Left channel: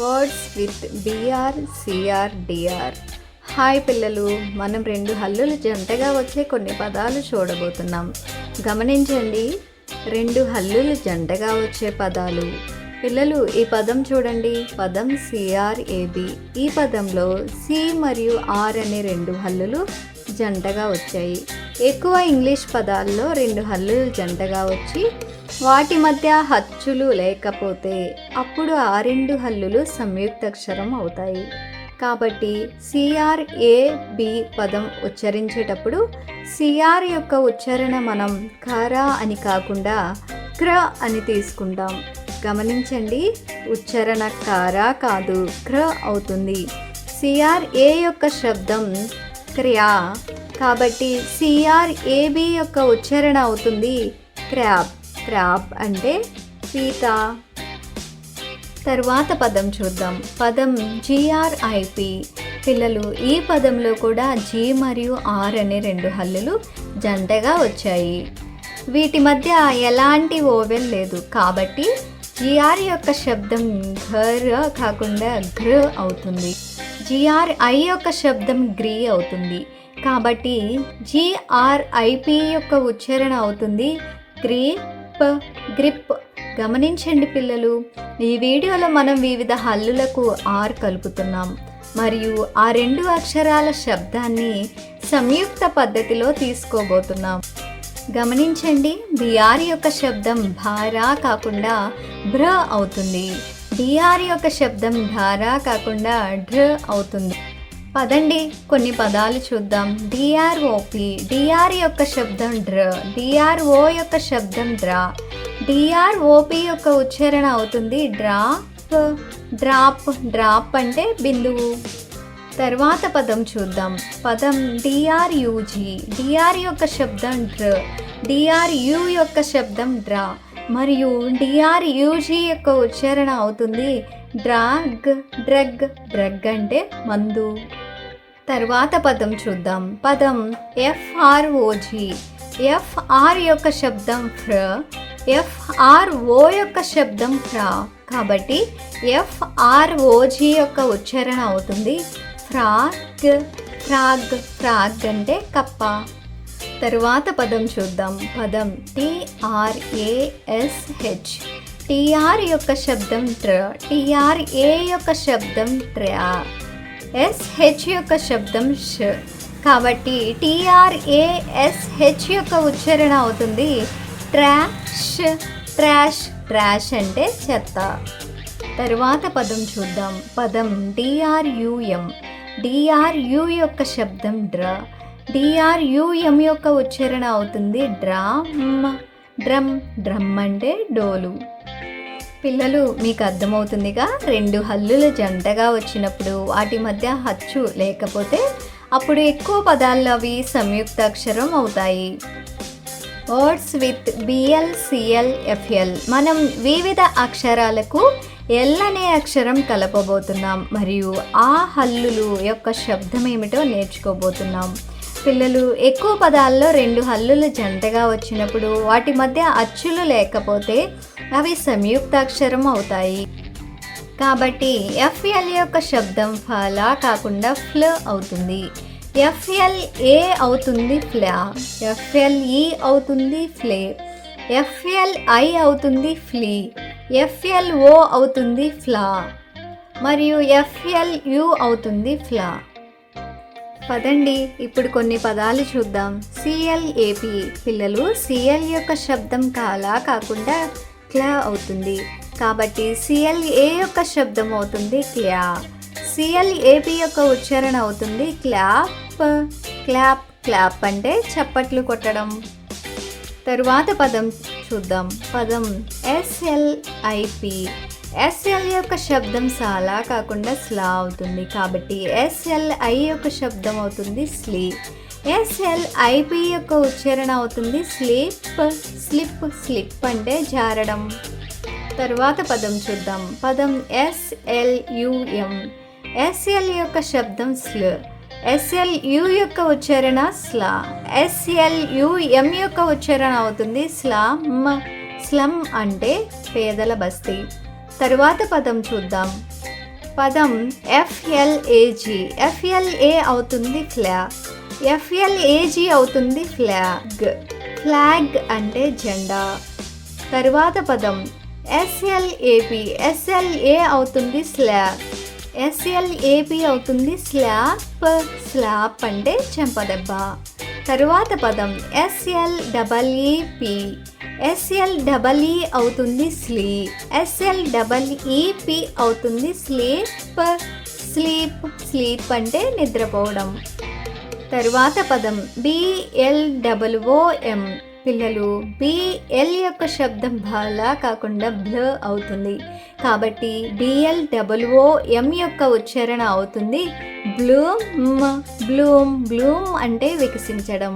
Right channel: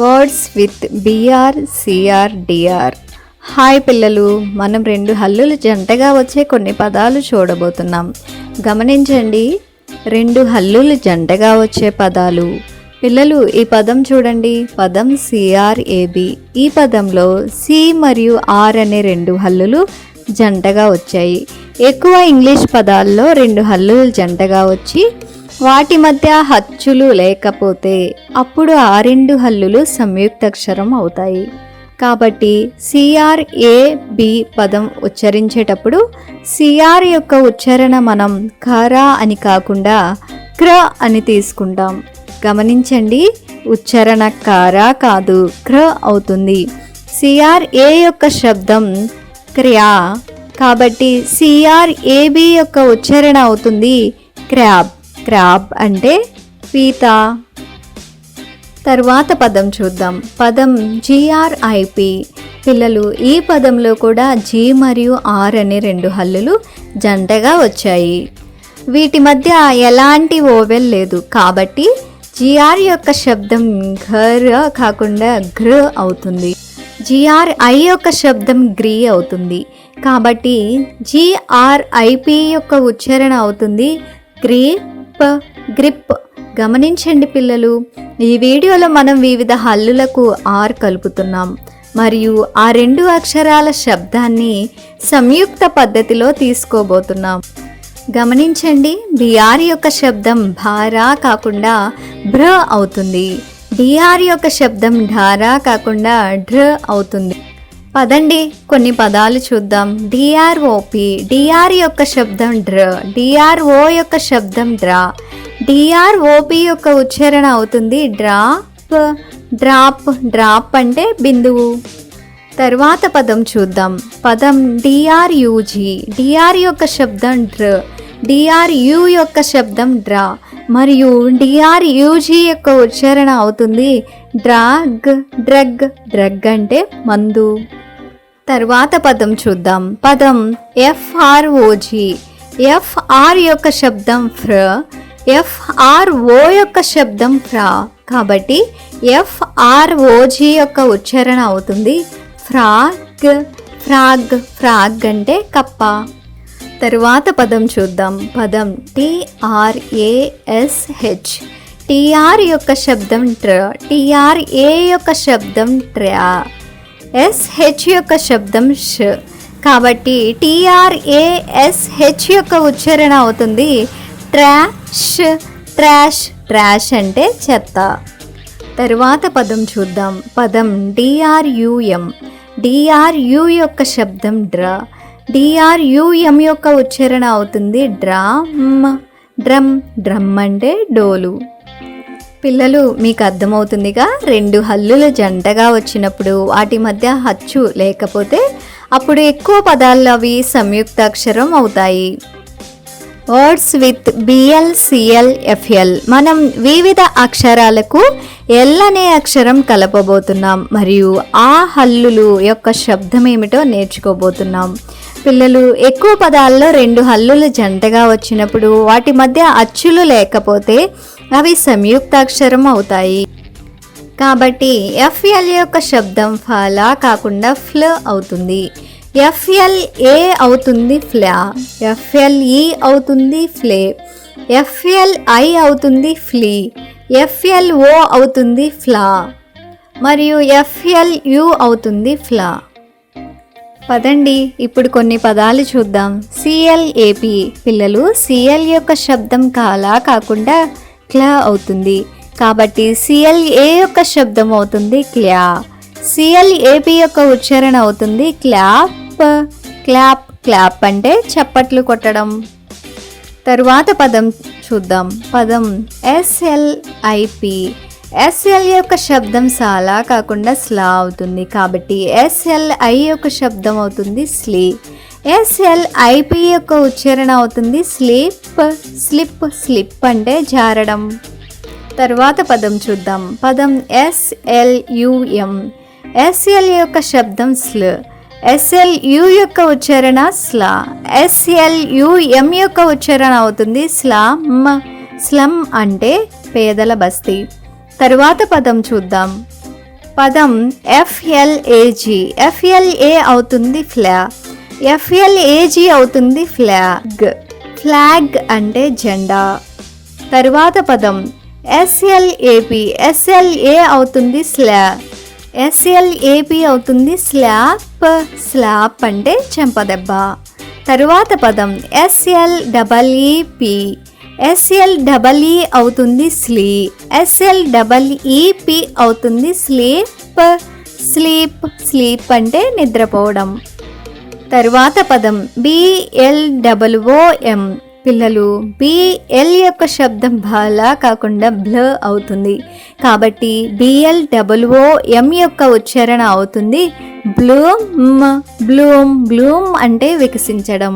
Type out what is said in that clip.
Words with BR CR DR. Hi పిల్లలు, మనం రెండు హల్లులు జంటగా వచ్చే కొన్ని పదాలు చూడబోతున్నాం. గమనించండి, రెండు హల్లులు జంటగా వచ్చే పదాలు. పిల్లలు, ఈ పదం చూడండి, పదం సిఆర్ఏబి. ఈ పదంలో సి మరియు ఆర్ అనే రెండు హల్లులు జంటగా వచ్చాయి. ఎక్కువ ఇంగ్లీష్ పదాల్లో రెండు హల్లులు జంటగా వచ్చి వాటి మధ్య హచ్చులు లేకపోతే అప్పుడు ఆ రెండు హల్లులు సంయుక్తాక్షరం అవుతాయి. కాబట్టి సిఆర్ఏబి పదం ఉచ్చరించేటప్పుడు సిఆర్ యొక్క ఉచ్చారణ మనం ఖరా అని కాకుండా క్ర అని తీసుకుంటాం. గమనించండి, ఉచ్చారణ కారా కాదు, క్ర అవుతుంది. సిఆర్ఏ యొక్క శబ్దం క్ర్యా, కాబట్టి సిఆర్ఏబి యొక్క ఉచ్చారణ అవుతుంది క్రాబ్. క్రాబ్ అంటే పీత. తరువాత పదం చూద్దాం, పదం జిఆర్ఐపి. పిల్లలు, ఈ పదంలో కూడా జి మరియు ఆర్ అనే రెండు హల్లులు జంటగా వచ్చాయి. వీటి మధ్య ఎలాంటి ఓవెల్ లేదు, కాబట్టి జిఆర్ యొక్క శబ్దం ఘర్ కాకుండా గ్ర అవుతుంది. జిఆర్ఐ యొక్క శబ్దం గ్రీ అవుతుంది. కాబట్టి జిఆర్ఐపి యొక్క ఉచ్చారణ అవుతుంది గ్రీప్, గ్రిప్. గమనించండి పిల్లలు, ఈ వీడియోలో మనం వివిధ హల్లులకు ఆర్ కలుపుతున్నాం మరియు ఆ రెండు అక్షరాల శబ్దాన్ని సంయుక్త పద్ధతిలో తీసుకోబోతున్నాం. గమనించండి, బిఆర్ యొక్క శబ్దం భారా కాకుండా భ్ర అవుతుంది. డిఆర్ యొక్క శబ్దం ఢారా కాకుండా ఢ్ర అవుతుంది. పదండి, కొన్ని పదాలు చూద్దాం. డిఆర్ఓపి. డిఆర్ యొక్క శబ్దం డ్ర, డిఆర్ఓ యొక్క శబ్దం డ్రా. డిఆర్ఓపి యొక్క ఉచ్చారణ అవుతుంది డ్రాప్, డ్రాప్. డ్రాప్ అంటే బిందువు. తర్వాత పదం చూద్దాం, పదం డిఆర్యుజి. డిఆర్ యొక్క శబ్దం డ్ర, డిఆర్యు యొక్క శబ్దం డ్రా మరియు డిఆర్యుజి యొక్క ఉచ్చారణ అవుతుంది డ్రాగ్, డ్రగ్. డ్రగ్ అంటే మందు. తర్వాత పదం చూద్దాం, పదం ఎఫ్ఆర్ఓజి. ఎఫ్ఆర్ యొక్క శబ్దం ఫ్ర, ఎఫ్ఆర్ఓ యొక్క శబ్దం ఫ్రా, కాబట్టి ఎఫ్ఆర్ఓజి యొక్క ఉచ్చారణ అవుతుంది ఫ్రాగ్, ఫ్రాగ్. ఫ్రాగ్ అంటే కప్ప. తరువాత పదం చూద్దాం, పదం టిఆర్ఏఎస్హెచ్. టిఆర్ యొక్క శబ్దం ట్ర, టిఆర్ఏ యొక్క శబ్దం ట్రా, ఎస్హెచ్ యొక్క శబ్దం ష్, కాబట్టి టిఆర్ఏఎస్హెచ్ యొక్క ఉచ్చారణ అవుతుంది ట్రాష్, ట్రాష్. ట్రాష్ అంటే చెత్త. తరువాత పదం చూద్దాం, పదం డిఆర్యుఎం. డిఆర్యు యొక్క శబ్దం డ్ర, డిఆర్యుఎం యొక్క ఉచ్చారణ అవుతుంది డ్రమ్, డ్రమ్. డ్రమ్ అంటే డోలు. పిల్లలు, మీకు అర్థమవుతుందిగా, రెండు హల్లులు జంటగా వచ్చినప్పుడు వాటి మధ్య హచ్చు లేకపోతే అప్పుడు ఎక్కువ పదాల్లో అవి సంయుక్తాక్షరం అవుతాయి. Words with BL CL FL. మనం వివిధ అక్షరాలకు ఎల్ అనే అక్షరం కలపబోతున్నాం మరియు ఆ హల్లులు యొక్క శబ్దం ఏమిటో నేర్చుకోబోతున్నాం. పిల్లలు, ఎక్కువ పదాల్లో రెండు హల్లులు జంటగా వచ్చినప్పుడు వాటి మధ్య అచ్చులు లేకపోతే అవి సంయుక్తాక్షరం అవుతాయి. కాబట్టి ఎఫ్ఎల్ యొక్క శబ్దం ఫలా కాకుండా ఫ్ల అవుతుంది. ఎఫ్ఎల్ఏ అవుతుంది ఫ్లా, ఎఫ్ఎల్ఈ అవుతుంది ఫ్లే, ఎఫ్ఎల్ఐ అవుతుంది ఫ్లీ, ఎఫ్ఎల్ఓ అవుతుంది ఫ్లా మరియు ఎఫ్ఎల్యు అవుతుంది ఫ్లా. పదండి, ఇప్పుడు కొన్ని పదాలు చూద్దాం. సిఎల్ఏపి. పిల్లలు, సిఎల్ యొక్క శబ్దం కాలా కాకుండా క్లా అవుతుంది. కాబట్టి సిఎల్ఏ యొక్క శబ్దం అవుతుంది క్లా. సిఎల్ఏపి యొక్క ఉచ్చారణ అవుతుంది క్లాప్, క్లాప్. క్లాప్ అంటే చప్పట్లు కొట్టడం. తరువాత పదం చూద్దాం, పదం ఎస్ఎల్ఐపి. ఎస్ఎల్ యొక్క శబ్దం సాలా కాకుండా స్లా అవుతుంది. కాబట్టి ఎస్ఎల్ఐ యొక్క శబ్దం అవుతుంది స్లీ. ఎస్ఎల్ఐపి యొక్క ఉచ్చారణ అవుతుంది స్లిప్, స్లిప్. స్లిప్ అంటే జారడం. తర్వాత పదం చూద్దాం, పదం ఎస్ఎల్యుఎం. ఎస్ఎల్ యొక్క శబ్దం స్ల్, ఎస్ఎల్యు యొక్క ఉచ్చారణ స్లా. ఎస్ఎల్యుఎం యొక్క ఉచ్చారణ అవుతుంది స్లమ్. స్లమ్ అంటే పేదల బస్తీ. తరువాత పదం చూద్దాం, పదం ఎఫ్ఎల్ఏజీ. ఎఫ్ఎల్ఏ అవుతుంది ఫ్లా, ఎఫ్ఎల్ఏజీ అవుతుంది ఫ్లాగ్. ఫ్లాగ్ అంటే జెండా. తరువాత పదం ఎస్ఎల్ఏపి. ఎస్ఎల్ఏ అవుతుంది స్లా, ఎస్ఎల్ఏపి అవుతుంది స్లాప్. స్లాప్ అంటే చెంపదెబ్బ. తరువాత పదం ఎస్ఎల్ఈపి. ఎస్ఎల్ఈ అవుతుంది స్లీ, ఎస్ఎల్ఈపి అవుతుంది స్లీప్. స్లీప్. స్లీప్ అంటే నిద్రపోవడం. తరువాత పదం బిఎల్ఓఎం. పిల్లలు, బిఎల్ యొక్క శబ్దం బాలా కాకుండా బ్ల అవుతుంది, కాబట్టి బిఎల్ఓఎం యొక్క ఉచ్చారణ అవుతుంది బ్లూమ్. బ్లూమ్. బ్లూమ్ అంటే వికసించడం.